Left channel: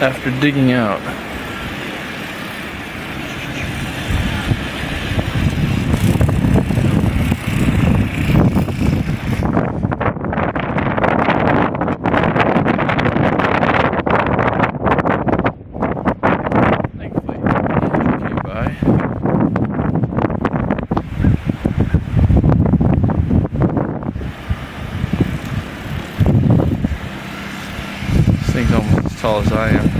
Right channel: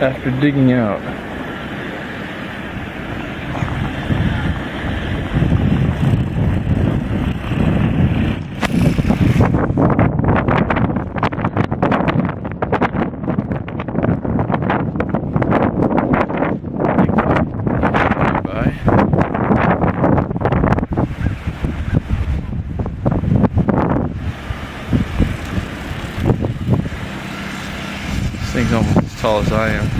after digging out. This thing's almost as tall as I am.